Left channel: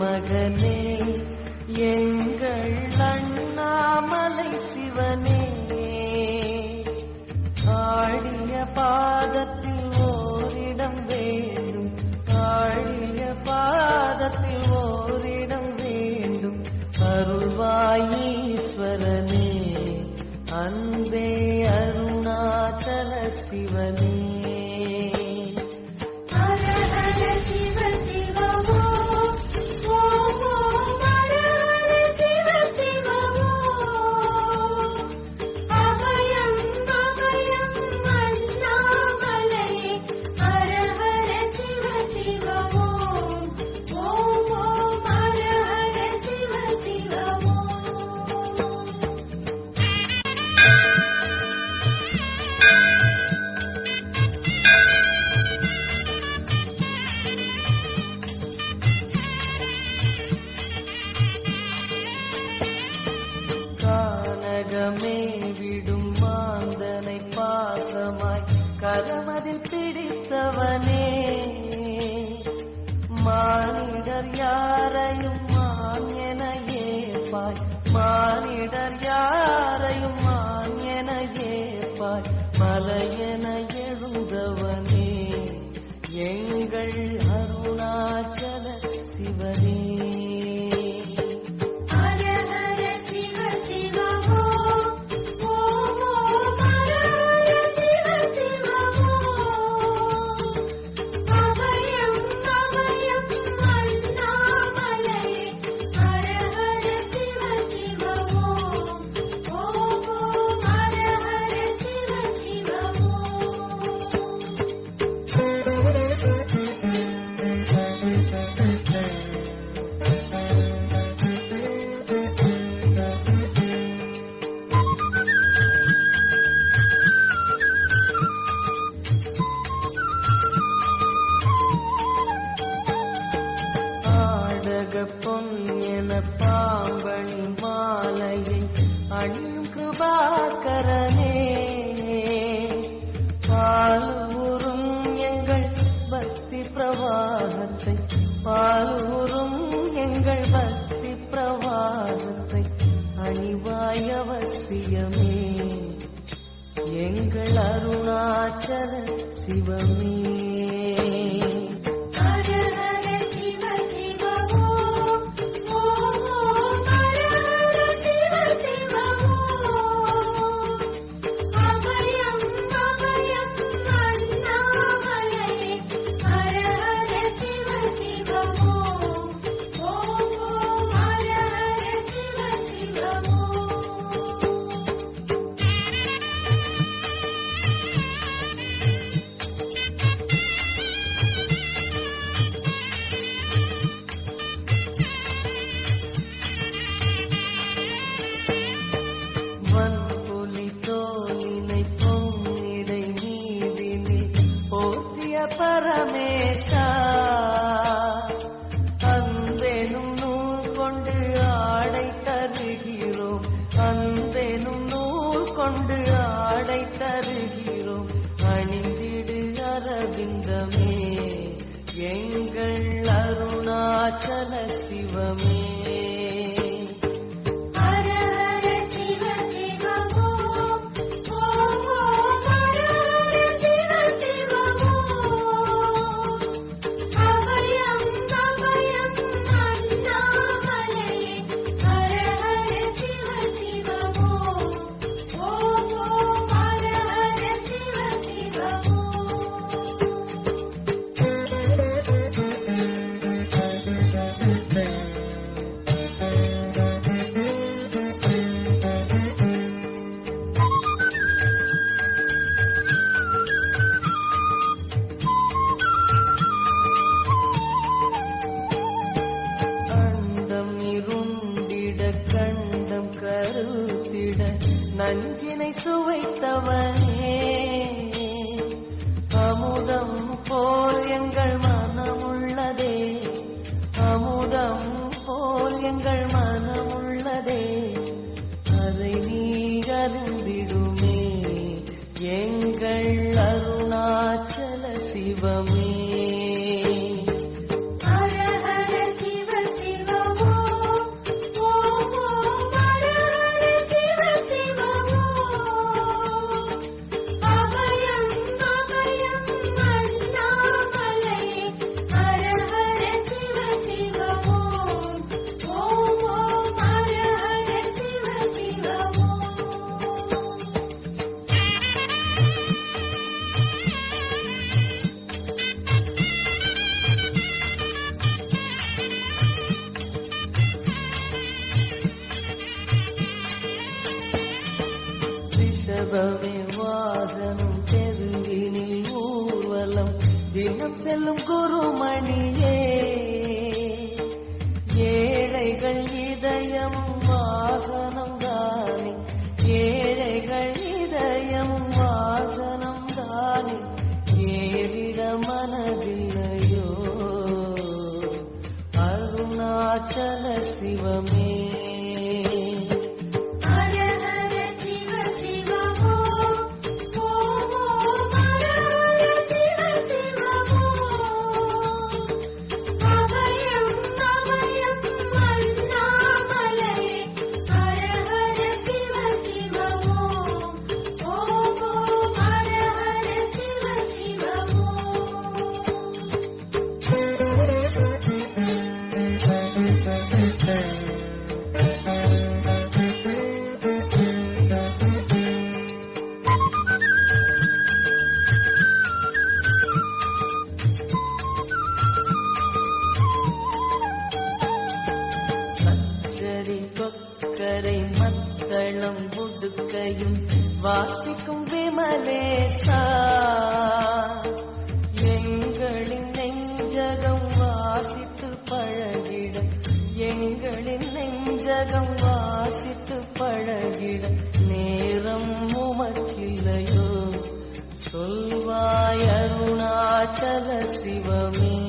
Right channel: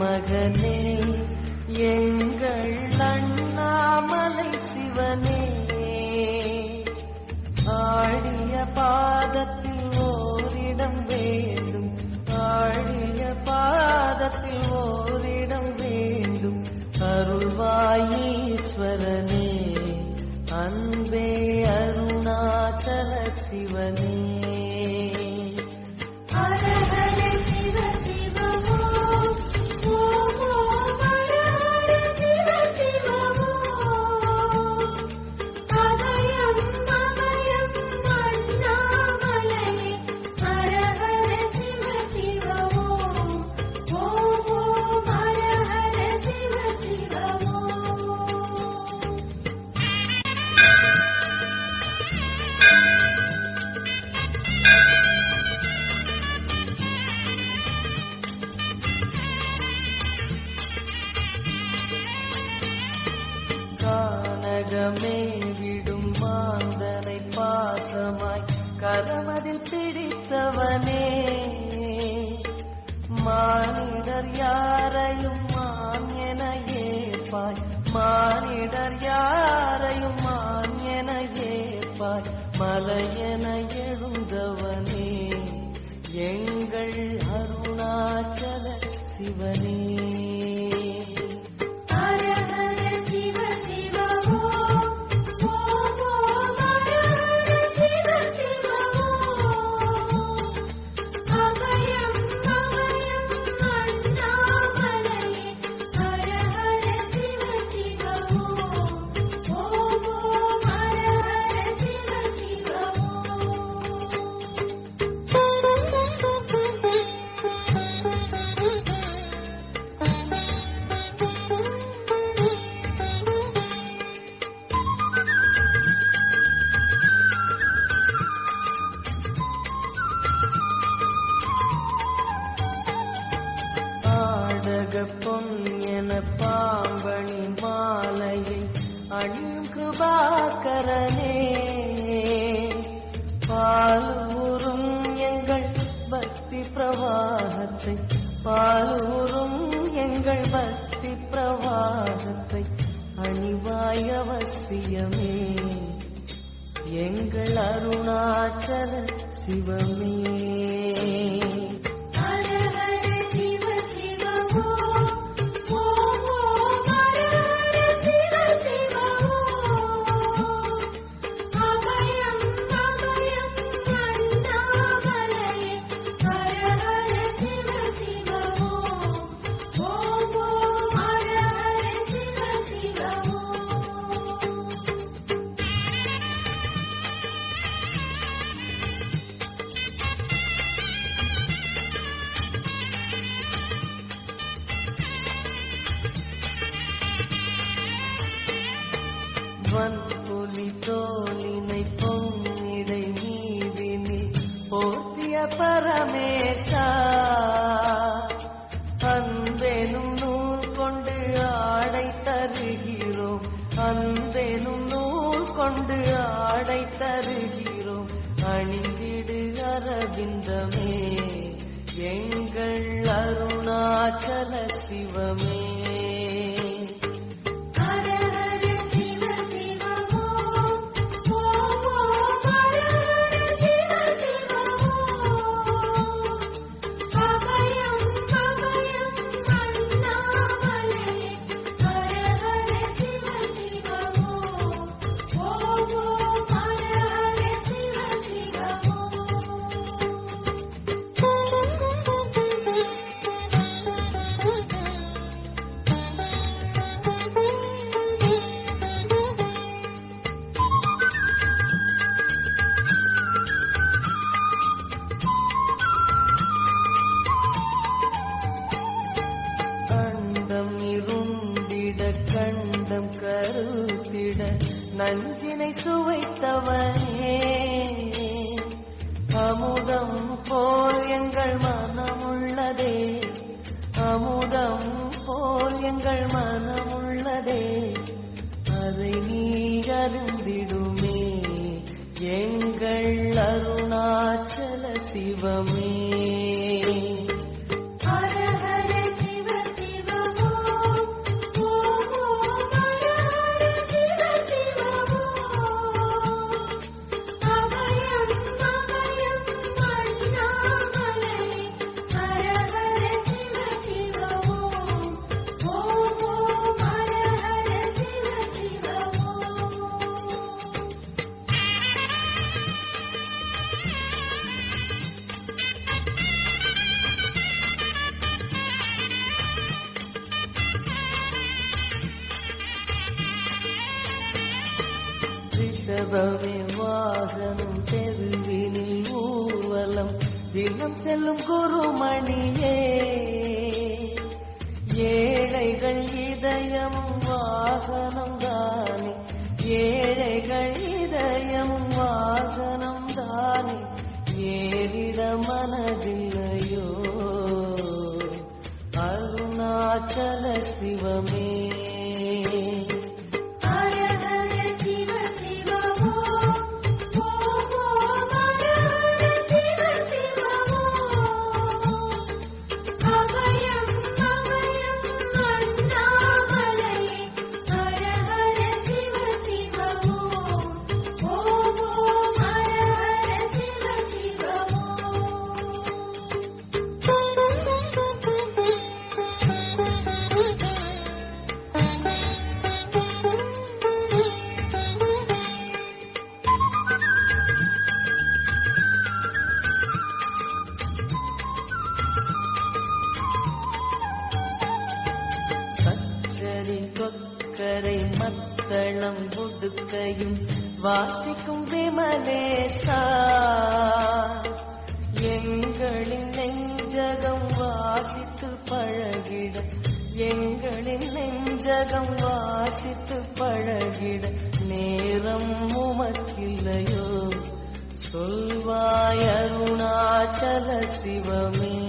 மகனே எங்கள் அண்ணாமலை சிவனே, ஆடிய பாதத்தில் ஓரிடம் வேண்டும், ஆடிய பாதத்தில் ஓரிடம் வேண்டும், அருள்வாய் ஈஸ்வரனே, அன்பே அருணாச்சல சிவனே. கானகமே விடும் மாந்தனை பாசமாய் கரமதில் பிடித்தவனே, மானிடர் யாரையும் மான் என ஏற்பாய், மானிடர் யாரையும் மான் என ஏற்பாய், மலையென எழுந்தவனே எங்கள் அருணாச்சல சிவனே. பொன் என பாம்பணி மாலையை அணியும் கிருபாகரனே, பாலூரும் எங்கள் பக்தி பிரவாகத்தை, பாலூரும் எங்கள் பக்தி பிரவாகத்தை அணிவாய் அவசியமே எங்கள் அருணாச்சல சிவமே. வன்புலி தோலினை பொன்னிடை நீதினில் போற்றிய பரமேஷா, அன்பெனும் நூல் கொண்டு ஆடை தருகிறோம், அன்பெனும் நூல் கொண்டு ஆடை தருகிறோம், அணிந்திடு அரவிந்தமே எங்கள் அருணாச்சல சிவமே. கண்டம் கருத்திட நஞ்சினை சுவைத்தவனே, அமுதம் போல் எங்கள் மனமுள்ளதே, அமுதம் போல் எங்கள் மனமுள்ளதே, அதை நீ அறிந்திடுமே எங்கள் அருணாச்சல சிவமே. ஹர ஹர சிவ சிவ ரிஷபமே வாகனம் தெருவினில் ஊர்வலம் தினம் செல்லும் குருமணியே ஏழைகள் இதயம் வாகனம் தானே ஏழைகள் இதயம் வாகனம் தானே ஏறிட மனதில்லையோ அருணாச்சல சிவமே கொக்கரை மத்தளம் புடுக்கையும் வாசிக்கும் விமலேசா எங்களின் நெஞ்சகம் வாசித்து பழகிட எங்களின் நெஞ்சகம் வாசித்து பழகிட நேரம் உமக்கில்லையோ சொல்வாய் அருணாச்சல சிவமே